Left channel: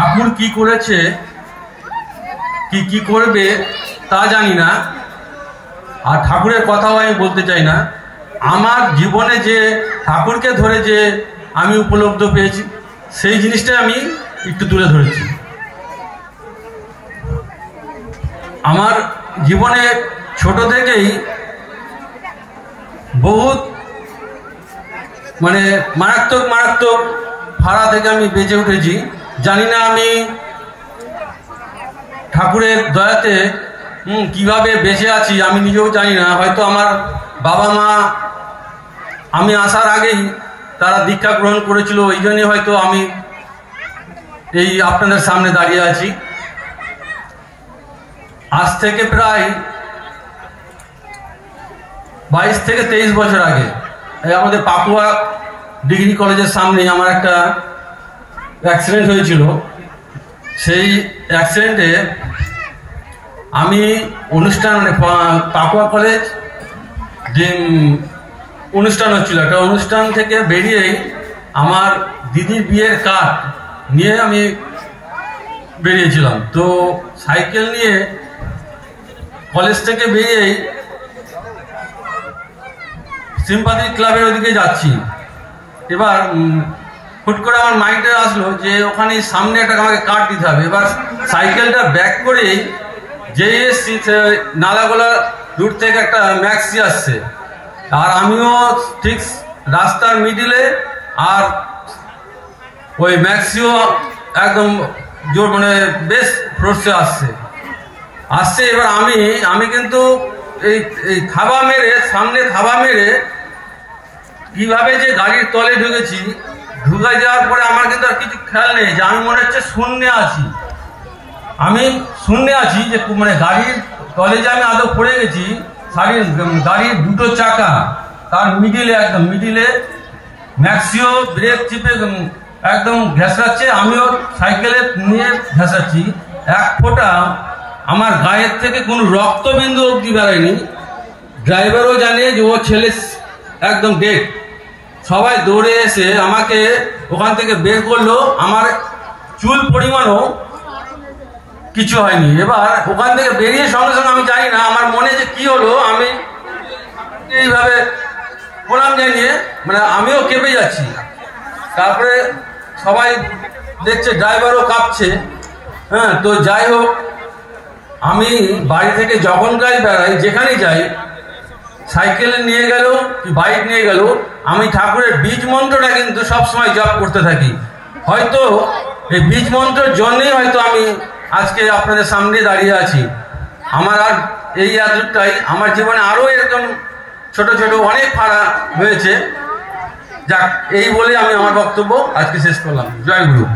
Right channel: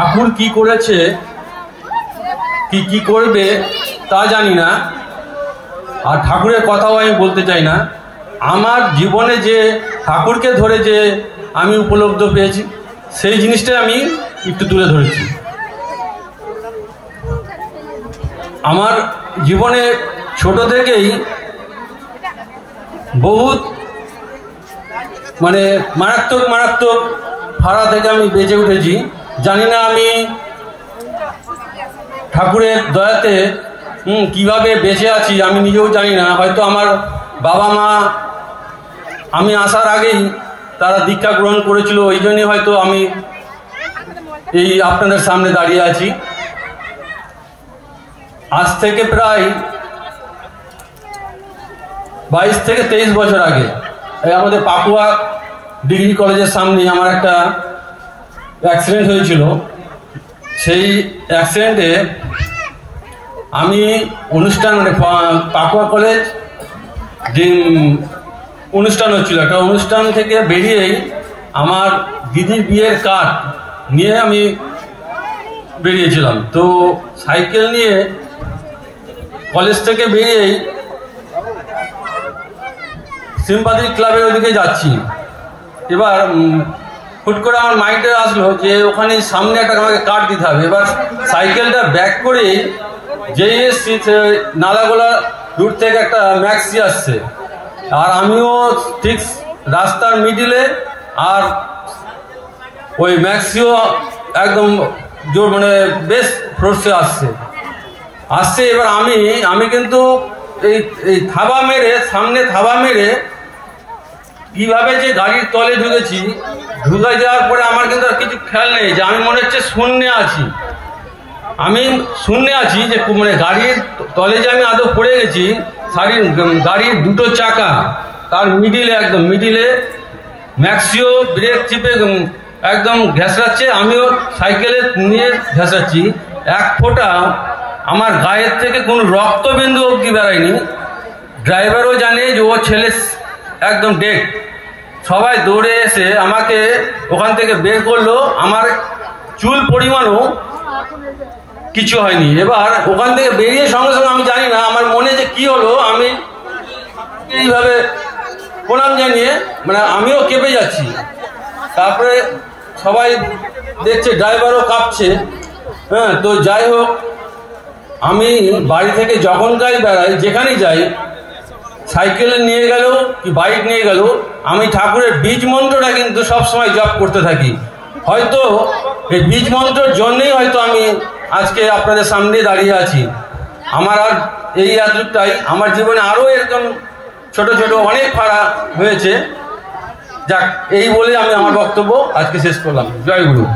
ঠাকুর কি করেছে কি করবে তা জানি না, আর ঠাকুরের কথাও আমি বলতে চাই না। আমার জীবনে যে ঠাকুরকে ধরে যে আমি উপলব্ধি পেয়েছি সেই জিনিসটা আমি একটু তুলে ধরেছি। আমার জীবনে ছোট থেকেই বহুত মারাত্মক ভাড়া থেকে আমি বেঁচে উঠেছি। জানি না আমি ঠাকুরের দয়াতে কিভাবে বেঁচে আছি আমি নিজেও জানি না। হয়তো আমার বাবা মা আমি আসার আগেই তারা দীক্ষা গ্রহণ করেছিল, ওই জন্যই হয়তো আমি এই আপনাদের সামনে দাঁড়িয়ে আছি। আজ থেকে প্রায় 22 থেকে 23 বছর আগে আমাদের পাকুয়া ডিগ্রি কলেজের সামনে আমার একটা অ্যাক্সিডেন্ট হয়েছিল। সেই অ্যাক্সিডেন্টে আমি অনুষ্ঠান পাকুয়া কলেজ যে অনুষ্ঠান হচ্ছিল, একটা অনুষ্ঠান থেকে বেরিয়েই আমার দিদির বিয়ের কার্ড নিয়ে আমি বেরিয়েছিলাম। তো সাইকেল নিয়ে কলেজ থেকে বেরিয়েই সিম্পাথি ক্লাবের ওদিকে যাচ্ছি। এবার হুট করে আমার মাইন্ডে আসলো যে ওখানে সামনে একটা আমাকে কার্ড দিতে হবে। এবার সাইকেলটা ব্যাক করে যে নালাগোলা রুট থেকে একটা ম্যাক্সি আসছে, আর আমিও ঠিক রাস্তার মিডিলে, আর ওই ম্যাক্সিও একদম জোর বেশ ফোর্সে আসছে। এবার আমি কিন্তু এই থাবা মেরে সামনে থাবা মেরে কিভাবে যে গাড়ির তলে ঢুকে যাওয়ার পরে আমার কিন্তু আর কিছু খেয়াল নেই, যে আমি মনে হচ্ছে শূন্যে আছি যে গাড়ির তলে যে আমি আদৌ পড়ে গেছি। গাড়ির দুটো চাকা তার একদম মিডিলে ম্যাক্সিও ব্রেক চিপে একদম ঘেঁষড়াচ্ছে, আমিও সাইকেলে নিয়ে ঘেঁষড়াচ্ছি। এক ফোঁটা আমার গায়ের থেকে কোনো রক্তবিন্দু অবধি বেড়ায়নি। ড্রাইভারও জানে যে ও ছেলে একদম ডেড। সবাই দৌড়ে এসে আমাকে ওখান থেকে বের করলো, আমার চুল পরিমাণও কিছু হয়নি। এবার ওখান থেকে বেরিয়ে সঙ্গে সঙ্গে আমি জানি না আমার মনে যে কি হলো, আমি এইভাবে প্রণাম জানিয়ে আমিও কেঁপে যাচ্ছি। তারপরে সবাই দেখছে ড্রাইভারও কাঁপছে। হ্যাঁ, তো যাই হোক, আমি বাড়ি থেকে যখন বেড়াই, যেখানেই যাই, সাইকেল নিয়ে গেল কি বাইক নিয়ে গেল, আমি ঠাকুরের বীজ মন্ত্রটা কিন্তু সবসময় জপ করতে থাকি। হয়তো এই বীজ মন্ত্রের জন্যই হয়তো আমি আজকে আপনাদের সামনে দাঁড়িয়ে আছি। আমার আর এই এতটাই, আমার জীবনে আরো এরকম ছোট ছোট অনেক ফাড়া হয়েছে। যাক, এই বলে আমি আমার বক্তব্য আজকে শেষ করলাম। জয় গুরু।